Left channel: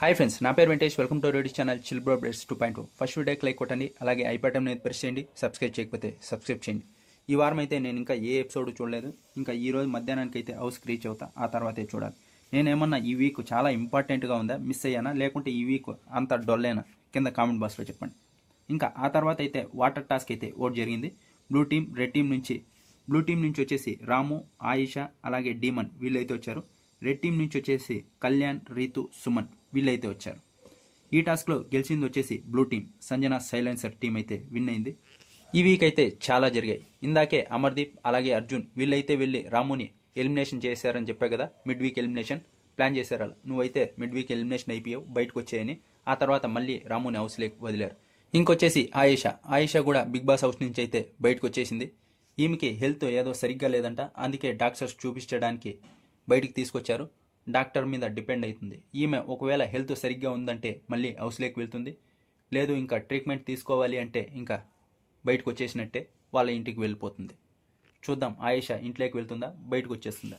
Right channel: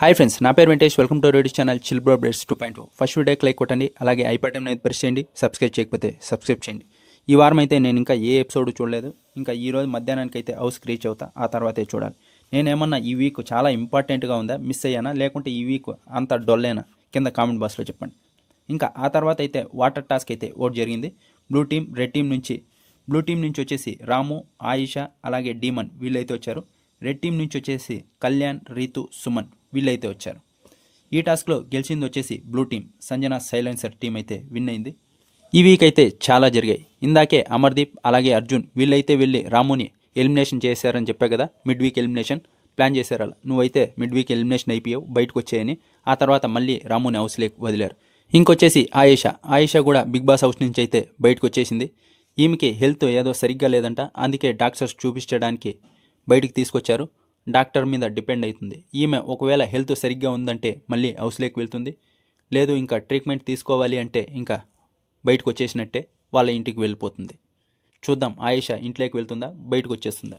Hi friends, నా పేరు Venkatesh. Welcome to radio channel chill bro updates 2.0. First వీడియోకి like కొట్టండి, అలాగే ఐపాటం అనేది ప్రెస్ చేయండి. సబ్స్క్రైబ్ చేయకపోతే సబ్స్క్రైబ్ చేయండి. ఈ వారం అయితే నేను ఇంకా ఏ ఎపిసోడ్ చూడలేదు. ఇంకా ఈ రోజు మధ్యాహ్నానికి అయితే హౌస్కి రీచ్ అవుతా, ఆ తర్వాతే చూడాలి. నేనేమన్నా ఈ వీక్ చాలా ఇంపార్టెంట్గా ఉందా, మిస్ అయ్యానా, లేకుంటే ఈ వీక్ అంత డొల్లేనా? కింద కామెంట్ బాక్స్లో చెప్పండి. ఇంకా ఆ తర్వాత అయితే వాటర్ టాస్క్ అయితే ఓట్ జరిగింది. రెడ్ టీం నుంచి వచ్చేసి రాము, ఆయిషా, అలాగే డీమన్ వీళ్ళైతే వచ్చారు. రెడ్ టీం నుంచి వచ్చేసి కళ్యాణ్, రీతు, సుమన్ వీళ్ళైతే వచ్చారు. ఈ టాస్క్లో గెలిచింది వచ్చేసి blue team. Sanjana silencer team అయితే విన్ అయింది. ఈ వీక్ అయితే చాలా జరిగాయి. ఇందాకే అమర్దీప్ అలాగే అర్జున్ వీళ్ళైతే వెళ్ళి రాముని ఎలిమినేషన్ చేశారని చెప్పా కదా. మిడ్ వీక్ ఎలిమినేషన్ ప్లాన్ చేశారు. అలా నువ్వైతే మిడ్ వీక్ ఎలిమినేషన్ అయిపోయావు, బయటకు వచ్చాయని. ఆ తర్వాత మళ్ళీ రాముని హౌస్ లేక వదిలారు. ఇంకొచ్చేసి ఆయేషా కూడా బిగ్ బాస్ హౌస్ నుంచి అయితే బయటకు వచ్చేసింది. ఈమెకి హెల్త్ ఏదో సరిగ్గా లేదంట, అందుకే డాక్టర్స్ చూపించడానికి బయటికి తీసుకొచ్చారు. డాక్టర్ మీద డిపెండ్ అవుతుంది. ఈమె ఒకవేళ హెల్త్ సరిగ్గా ఉందంటే మళ్ళీ హౌస్లోకి వెళ్తుంది. లేదు ఇంకా ట్రీట్మెంట్ తీసుకోవాలి అంటే ఇంకా బయటకు వచ్చేసినట్టే, వాళ్ళ ఇంటికి వెళ్ళిపోతుంది. చూద్దాం, ఆయేషా ఇంట్లోకి వెళ్తుందా, బయటకు వచ్చేస్తుందా?